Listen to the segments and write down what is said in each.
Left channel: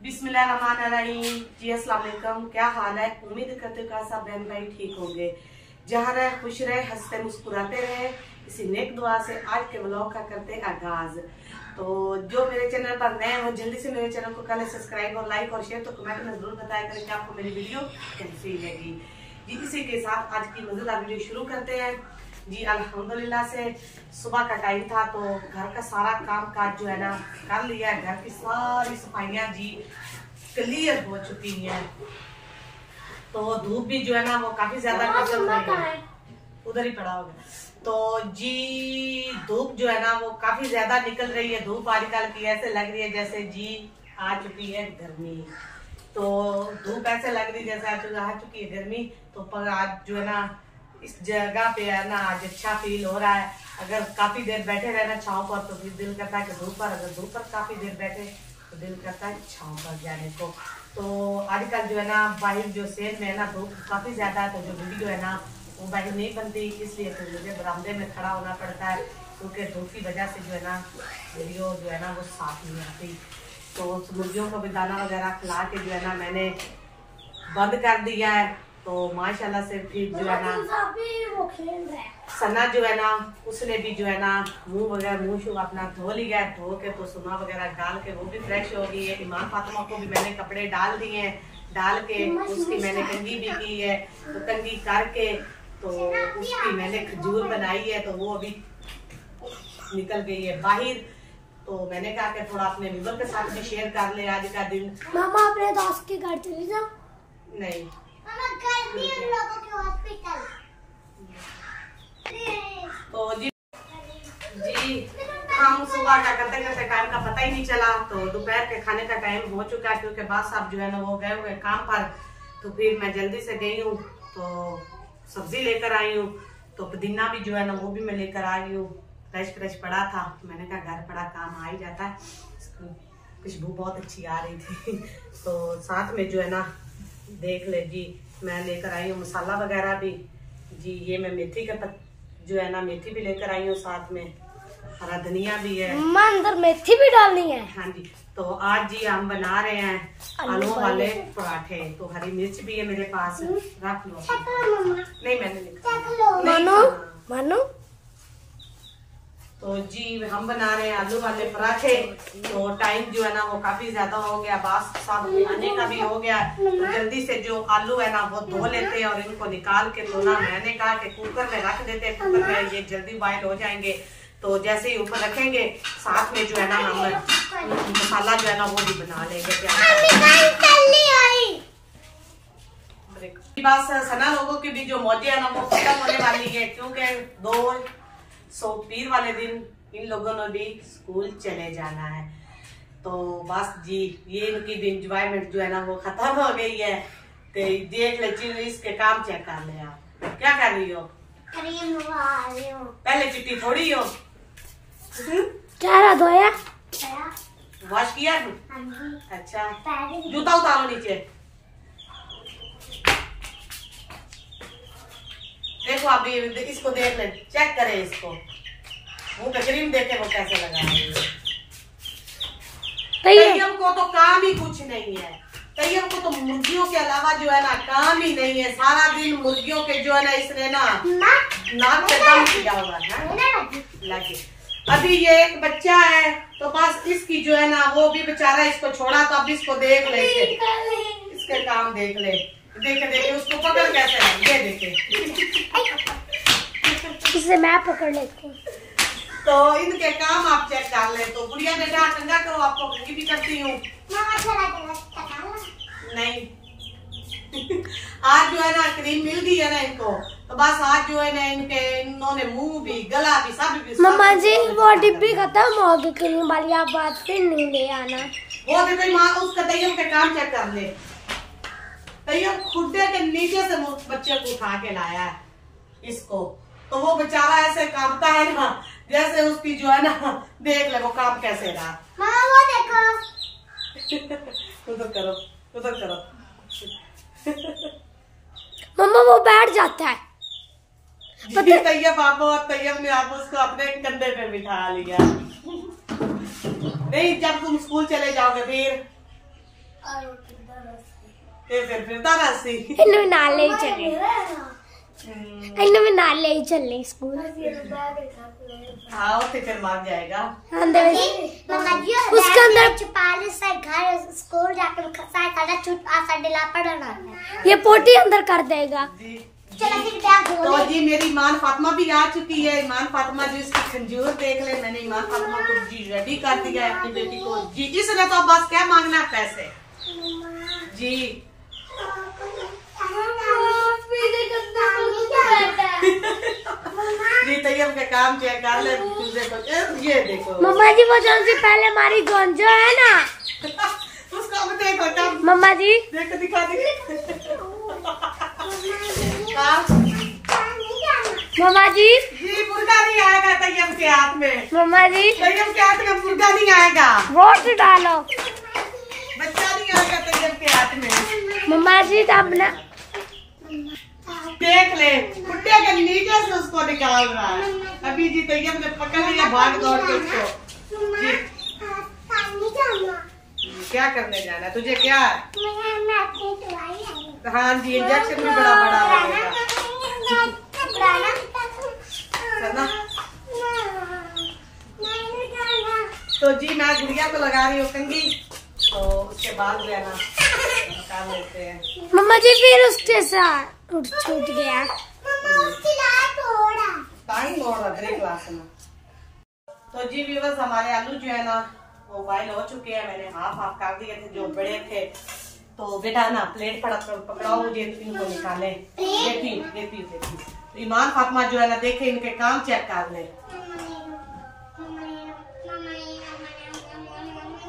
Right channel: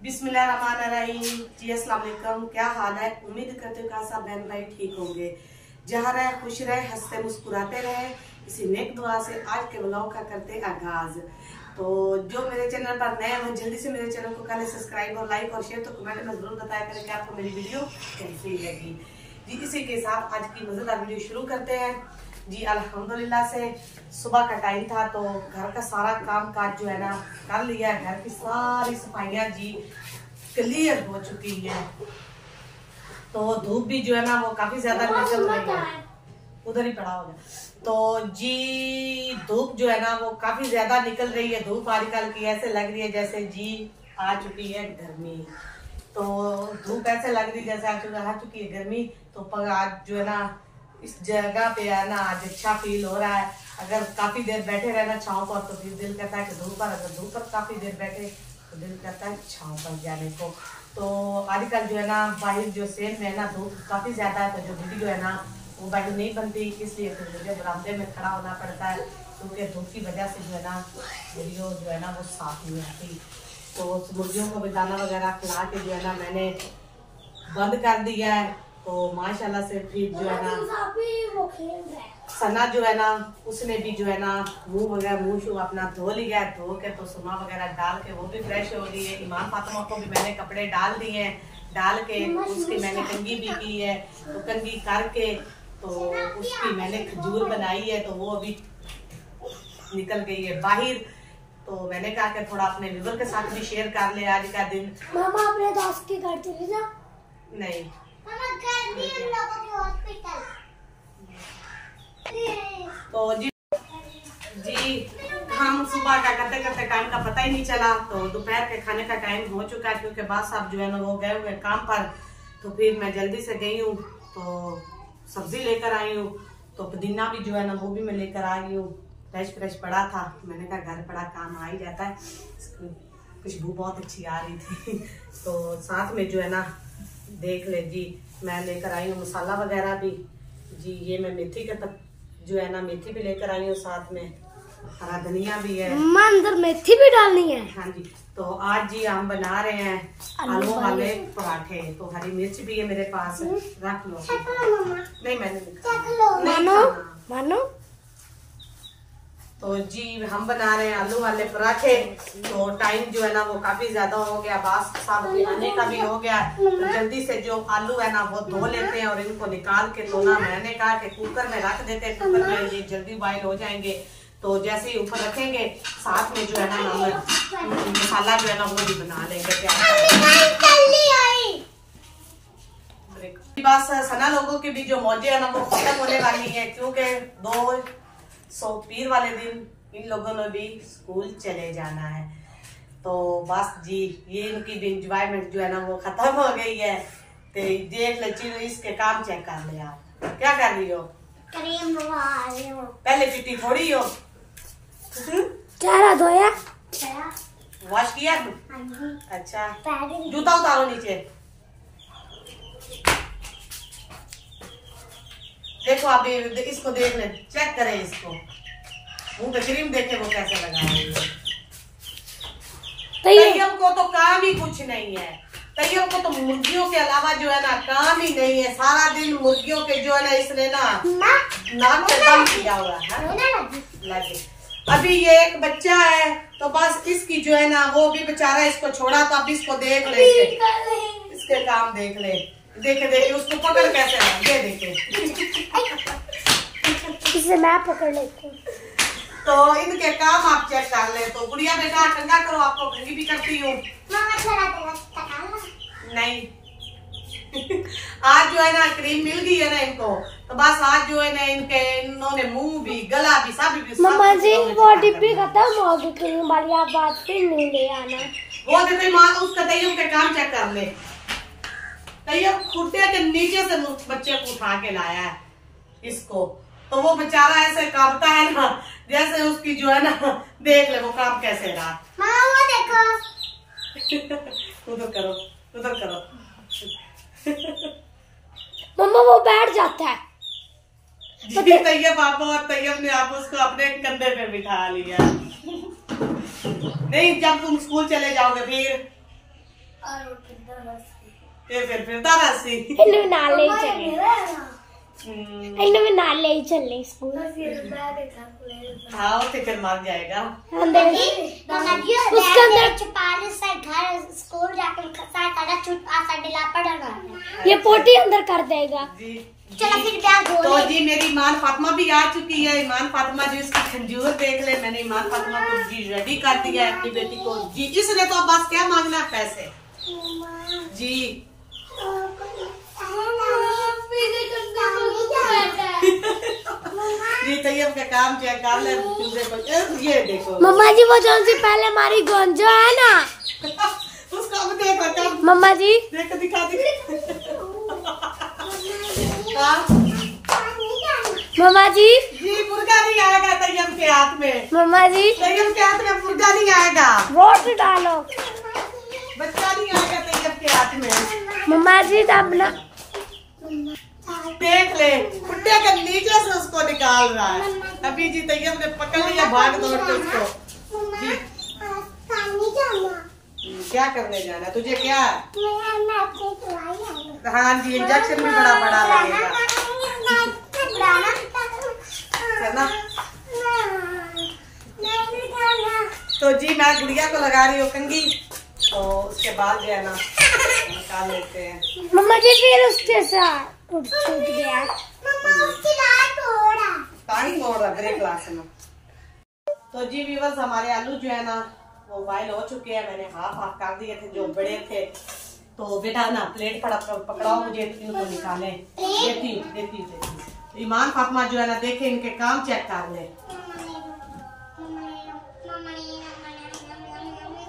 बिस्मिल्लाहिर्रहमानिर्रहीम। जी अस्सलाम वालेकुम। क्या हाल है? उम्मीद करते हो सब बहन भाई ठीक होंगे। जहाँ रहे खुश रहे, हंसते मुस्कुराते रहे, इसी नेक दुआ से आज के व्लॉग का करते आगाज। तो जो मेरे चैनल पर नए हैं वो जल्दी से मेरे चैनल को कर ले सब्सक्राइब और लाइक और शेयर। तो कमेंट में जरूर बताया करें कि आपको मेरी वीडियो कैसी लगी। जी इसी के साथ आज की मजेदार वीडियो शुरू करते हैं। जी अल्हम्दुलिल्लाह से सुबह का टाइम था तो घर का सारा काम काज जो है ना कर लिया। घर की सारी सफाइयाँ जी क्लियर हो चुकी है। तो धूप भी जो है ना वो काफी ज्यादा निकल रही है, उधर ही पड़ा होगा। तो जी धूप जो है ना वो काफी ज्यादा निकल रही है। धूप आजकल की ऐसे लग रही है जैसे जी आ चुकी है गर्मी। तो धूप ऐसे लग रही है जैसे आ चुकी है गर्मी। तो आज जो है ना इस जगह पे है ना आज अच्छा फील हो रहा है। अगर काफी देर बैठे रहे ना छांव पर तो फिर दिल करता है कि धूप पर, अगर धूप पर काफी देर बैठे तो दिल करता है छांव पर जाने को। तो आजकल जो है ना बाहर जो सेल में है ना धूप काफी ज्यादा है, तो जो वीडियो है ना वो बाहर नहीं बनती, इसलिए फिर मुझे बरामदे में खड़ा होना पड़ता है क्योंकि धूप की वजह से जो है ना वीडियो जो है ना वो साफ नहीं आती। तो मुर्गियों को भी दाना वगैरह खिला के जो है ना मैंने बंद कर दिया है। तो माशाल्लाह से फिर जो है ना सना जो है ना उसने भी जो है ना मुंह शू अपना धो लिया है। धो के तो सुमा वगैरह डाल के वो भी फ्रेश हो गई है। ईमान फातिमा को भी मैंने कपड़े डाल दिए हैं, डाल के उसकी मैंने कंघी भी की है। तो कंघी करके तो उसकी मैंने खजूर बनाई है, तो वो अभी निकल गई है बाहर। तो मैंने कहा कि थोड़ा अपने व्यूअर के साथ भी शेयर कर ले आज का दिन। मामा अपने दोस्त के घर चले जाओ। नहीं तो जी हम सुबह का करते करते टाइम का पता ही नहीं चला। तो दोपहर के खाने का टाइम हो चुका है क्योंकि बात साहब जो है ना वो गए हुए काम पर। तो फिर मैं जल्दी से गई हूँ तो सब्जी लेकर आई हूँ। तो पुदीना भी जो है ना वो भी मैं लेकर आ गई हूँ। फ्रेश पड़ा था, मैंने कहा घर पड़ा काम आ ही जाता है। खुशबू बहुत अच्छी आ रही थी। तो साथ में जो है ना देख ले जी मैं लेकर आई हूँ मसाला वगैरह भी। जी ये मैं मेथी के जो है ना मेथी भी लेकर आई हूँ, साथ में हरा धनिया भी है। अंदर मेथी भी डालनी है। हाँ जी। तो आज जी हम बना रहे हैं आलू वाले पराठे। तो हरी मिर्च भी है मेरे पास, रख लो। नहीं मैंने लिखा मानो। तो जी हम बना रहे हैं आलू वाले पराठे। तो टाइम जो है ना वो काफी ज्यादा हो गया, बास साहब आने का भी हो गया। तो जल्दी से जो आलू है ना वो धो लेते हैं और इनको निकाल के तो ना मैंने कहा कि कुकर में रख देते हैं। कुकर में ये जल्दी बॉयल हो जाएंगे। तो जैसे ही ऊपर रखेंगे साथ में जो है ना हम मसाला जो है ना वो भी बना लेंगे। बस सना लोगों की भी जो मौजें है ना वो खत्म होने वाली है क्योंकि 2 पीर वाले दिन इन लोगों ने भी स्कूल चले जाना है। तो बस जी ये इनकी भी इंजॉयमेंट जो है ना वो खत्म हो गई है। तो देख ले चिल्लीस के काम चेक कर ले आप क्या कर रही हो? क्रीम लगा रही हूं। पहले चिट्टी थोड़ी हो। चेहरा धोया, वॉश किया तू? अच्छा जूता उतारो नीचे। देखो आप इसको देख ले, चेक करे इसको, मुंह पे क्रीम देखे वो कैसे लगा रही है। तैयब को तो काम ही कुछ नहीं है। तैयब को तो मुर्गियों के अलावा जो है ना काम ही नहीं है। सारा दिन मुर्गियों के जो है ना इसने ना नाक पे दम किया हुआ है लगे। अभी ये एक बच्चा है तो बस इसकी जो है ना वो भी बेचारा इसको छोड़ा। तो अब इसको देख ले, इसके काम देख ले, देखे उसको पकड़ कैसे ये देखे। इसे मैं पकड़ लेती हूँ। तो इनके काम आप चेक कर ले। तो गुड़िया बेटा ठंडा करो, आपको कंघी भी करती हूँ। नहीं आज जो है ना क्रीम मिल गई है ना इनको, तो बस आज जो है ना इन्होंने मुंह भी गला भी सब भी। मम्मा जी वो डिब्बी खत्म हो गई क्रीम वाली, आप बात फिर नहीं ले आना। वो देते माँ उसका तैयब के काम चेक कर ले। तैयब खुदे के नीचे से बच्चे को उठा के लाया है इसको। तो वो बेचारा ऐसे कांपता है ना जैसे उसकी जो है ना देख ले वो काम कैसे रहा। वो देखो उधर करो मम्मा वो बैठ जाता है। तैयब आप और तैयब ने आप उसको अपने कंधे पे बिठा लिया। नहीं जब तुम स्कूल चले जाओगे फिर फिर दारासी इन्हें नाले ही चले इन्हें में नाले ही चले स्कूल हाँ तो फिर मार जाएगा अंदर उसके अंदर से घर स्कूल जाके सारा छुट आसा डिला पड़ना ये पोटी अंदर कर देगा जी। चलो फिर बैग तो जी मेरी ईमान फातिमा भी आ चुकी है। ईमान फातिमा जी इसकी खंजूर देख ले। मैंने ईमान फातिमा को जी रेडी कर दिया है अपनी बेटी को जी। इसने तो अब बस क्या मांगना है पैसे जी। जी तैयब के काम चेक कर ले तुझे को ये देखो मम्मा जी वो जौन सी पहले हमारी गोंजा है ना उसको अब देखो तब मम्मा जी देख दिखा मम्मा जी मुर्गा नहीं आएगा तैयब के हाथ में। मम्मा जी तैयब के हाथ में मुर्गा नहीं आएगा। वोट डालो बच्चा नहीं आएगा तैयब के हाथ में। मम्मा जी तब ना देख ले कुत्ते के नीचे से उसको निकाल रहा है। अभी जी तैयब ने पकड़ लिया भाग दौड़ के उसको जी। क्या करने जाना है तुझे क्या है? हाँ जी इंजेक्शन भी बड़ा बड़ा लगेगा ना। तो जी मैं गुड़िया को लगा रही हूँ कंघी तो उसके बाद जो है ना निकाल लेते हैं। मम्मा जी फिर उसके साथ छूट गया ब्रेक क्लास में। तो जी व्यूअर्स हमारे आलू जो है ना वो बॉयल हो चुके हैं। मैंने हाफ कर दिए थे जो बड़े थे। तो बेटा ना प्लेट पकड़ाओ मुझे इनको निकाले देती। तो ईमान फातिमा जो है ना देखे इनके काम चेक कर ले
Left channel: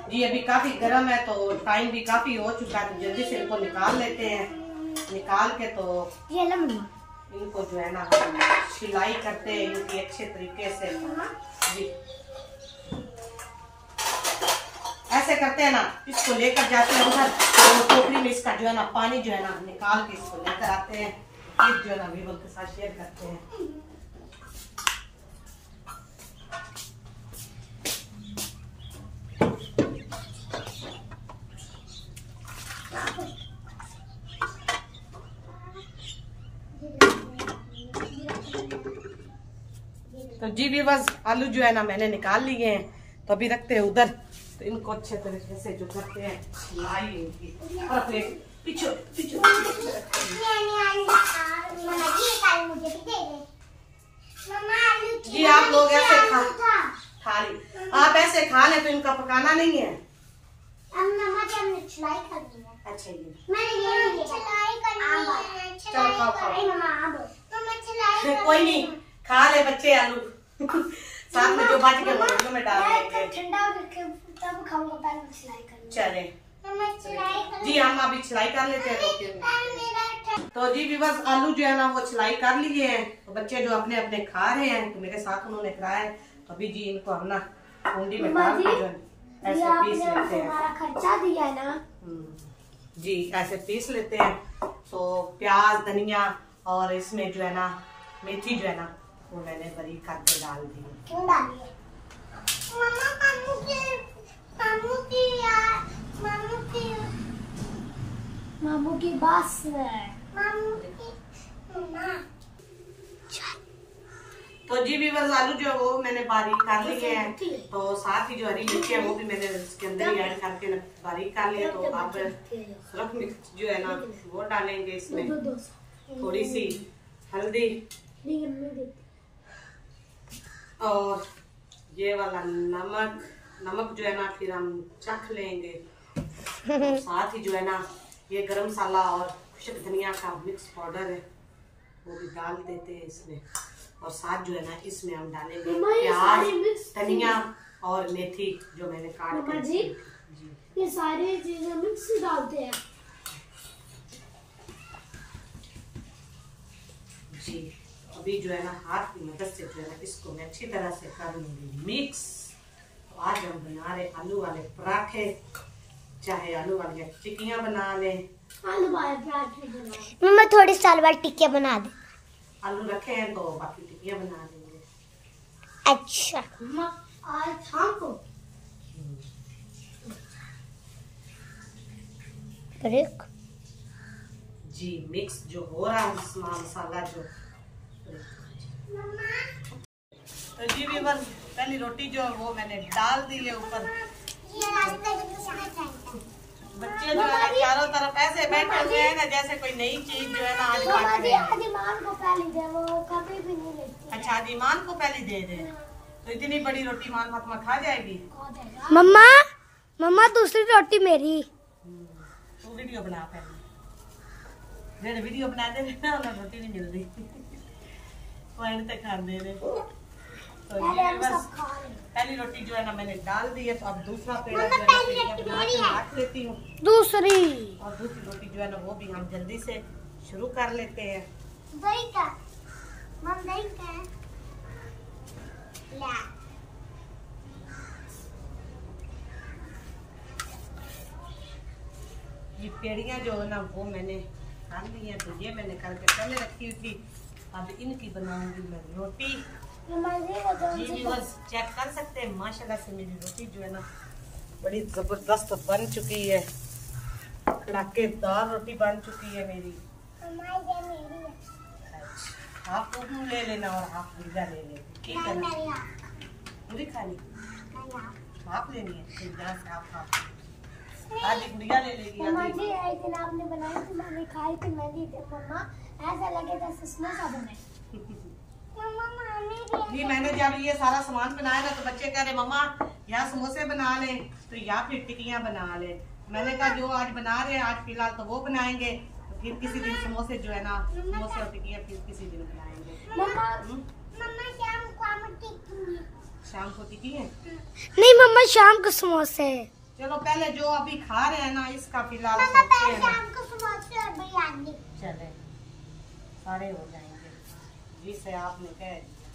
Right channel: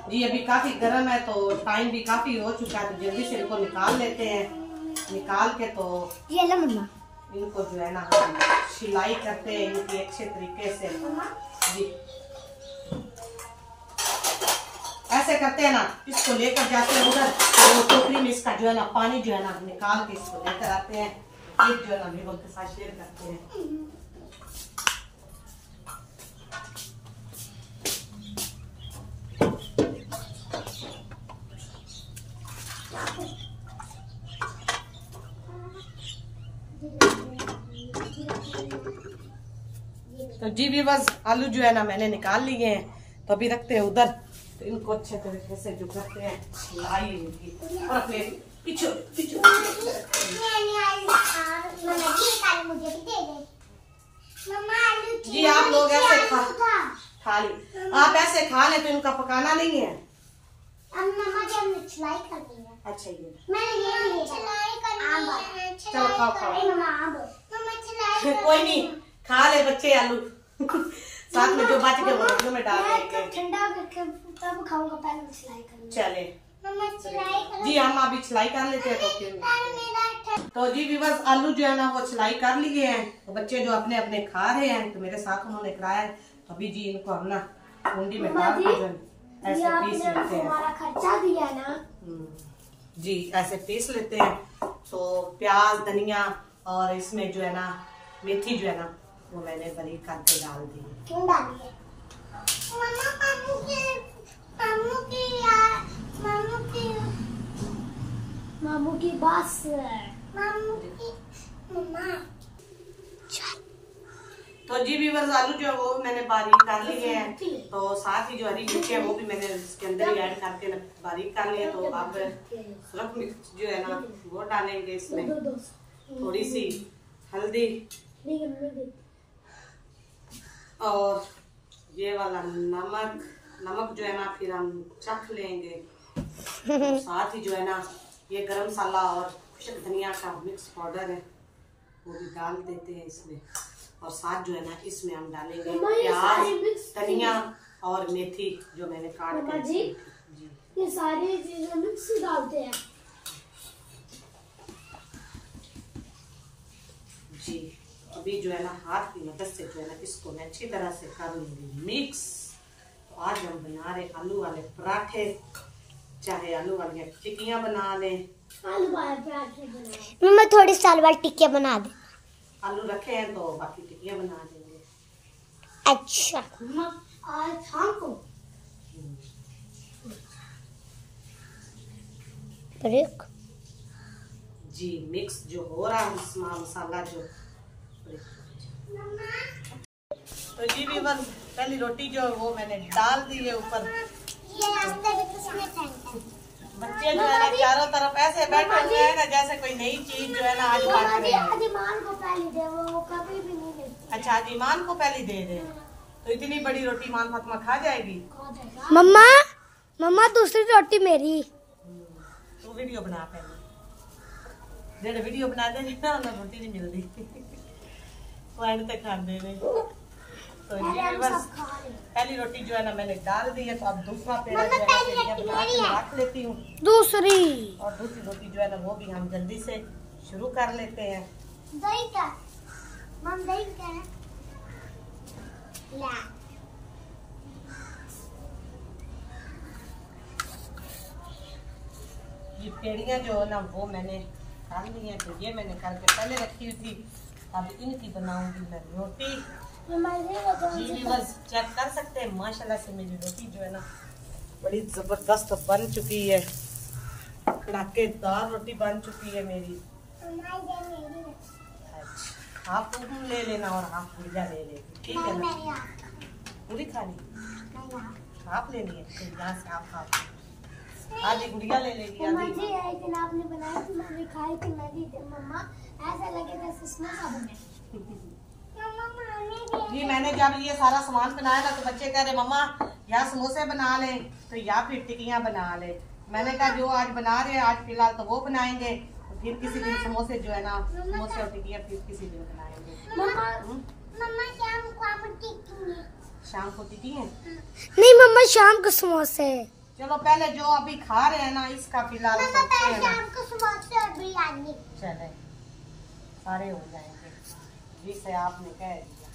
जी। अभी काफी गर्म है तो टाइम भी काफी हो चुका है तो जल्दी से इनको निकाल लेते हैं। निकाल के तो ये ला मम्मा इनको जो है ना सिलाई करते हैं इनकी अच्छे तरीके से जी। ऐसे करते हैं ना इसको लेकर जाते हैं उधर तो टोकरी में इसका जो है ना पानी जो है ना निकाल के इसको लेकर आते हैं। एक जो है ना वीवो के साथ शेयर करते हैं। तो जी व्यूअर्स आलू जो है ना मैंने निकाल लिए हैं तो अभी रखते हैं उधर। तो इनको अच्छे तरीके से जो करते हैं लाई इनकी और अपने पीछे जी। आप लोग ऐसे खा ली आप ऐसे खा लें तो इनका पकाना नहीं है। अच्छा ये चलो खाओ कोई नहीं खा ले बच्चे आलू साथ में जो बच गए वो में डाल देंगे। ठंडा करके तब खाऊंगा पहले सिलाई कर चले जी हम अभी सिलाई कर लेते हैं तो जी व्यूअर्स आलू जो है ना वो सिलाई कर लिए हैं। तो बच्चे जो अपने अपने खा रहे हैं तो मेरे साथ उन्होंने खाया है। तो अभी जी इनको हम ना कुंडी में डाल के जो ऐसे पीस लेते हैं। खर्चा दिया ना जी ऐसे पीस लेते हैं। तो प्याज धनिया और इसमें जो है ना मेथी जो है ना वो मैंने बारीक करके डाल दी। क्यों डाली है मामू की बस तो जी व्यूअर्स आलू जो है वो मैंने बारीक कर लिए हैं। तो साथ ही जो हरी मिर्ची है वो भी मैंने इसके अंदर ही ऐड करके बारीक कर लिए। तो अब सुरख मिर्च जो है ना वो डालेंगे इसमें थोड़ी सी हल्दी और ये वाला नमक जो है ना फिर हम चख लेंगे। साथ ही जो है ना ये गरम मसाला और खुशक धनिया का मिक्स पाउडर है वो भी डाल देते हैं इसमें। और साथ जो है ना इसमें हम डालेंगे प्याज धनिया और मेथी जो मैंने काट के जी ये सारी चीजें मिक्स डालते हैं जी। अभी जो है ना हाथ की मदद से जो है ना इसको मैं अच्छी तरह से कर लूंगी मिक्स। तो आज हम बना रहे आलू वाले पराठे चाहे आलू वाली टिक्कियां बना लें। आलू वाले पराठे बना मैं थोड़ी साल बाद टिक्कियां बना दे। आलू रखे हैं तो बाकी टिक्कियां बना देंगे। अच्छा आज शाम को ब्रेक जी मिक्स जो हो रहा है मसाला जो। तो जी व्यूअर्स पहली रोटी जो है वो मैंने डाल दी है ऊपर। बच्चे जो है ना चारों तरफ ऐसे बैठे हुए हैं ना जैसे कोई नई चीज जो है ना आज बांट रहे हैं। अदीमान को पहले दे, वो कभी भी नहीं लेती। अच्छा अदीमान को पहले दे दे, तो इतनी बड़ी रोटी मान फातिमा खा जाएगी। मम्मा मम्मा दूसरी रोटी मेरी। तू वीडियो बना पहले, जेड़े वीडियो बना दे ना उन्हें रोटी नहीं मिलती। वो एंड तक खा दे रहे। तो ये बस पहली रोटी जो है ना मैंने डाल दी है। तो अब दूसरा पेड़ा जो है ना पेड़ियाँ बना के रख लेती हूँ। दूसरी और दूसरी रोटी जो है ना वो भी हम जल्दी से शुरू कर लेते हैं। दही का मम दही का ला ये पेड़ियाँ जो है ना वो मैंने खान ली हैं। तो ये मैंने करके पहले रखी हुई थी। अब इनकी बनाऊंगी मैं रोटी। जी बस चेक कर सकते हैं माशाल्लाह से मेरी रोटी जो है ना बड़ी जबरदस्त बन चुकी है। कड़ाकेदार रोटी बन चुकी है मेरी। अच्छा हाफ तुम ले लेना और हाफ गुड़िया ले लेती, ठीक है ना? पूरी खानी हाफ लेनी है, तो यहाँ से हाफ आधी गुड़िया ले लेगी। जी एक दिन आपने बनाया थी, मैंने खाई थी। मैं दी थी मम्मा, ऐसा लगे जैसे समोसा बने। जी मैंने जब ये सारा सामान बनाया ना तो बच्चे कह रहे मम्मा या समोसे बना ले तो या फिर टिक्कियाँ बना ले। मैंने कहा जो आज बना रहे हैं आज फिलहाल तो वो बनाएंगे, तो फिर किसी दिन समोसे जो है ना समोसे और टिक्कियाँ फिर किसी दिन बनाएंगे। मम्मा शाम को टिक्की है? नहीं मम्मा शाम को समोसे। चलो पहले जो अभी खा रहे हैं ना इसका फिलहाल सोचते हैं ना। शाम को समोसे और बिरयानी। चले सारे हो जाएंगे जिसे आपने कह दिया।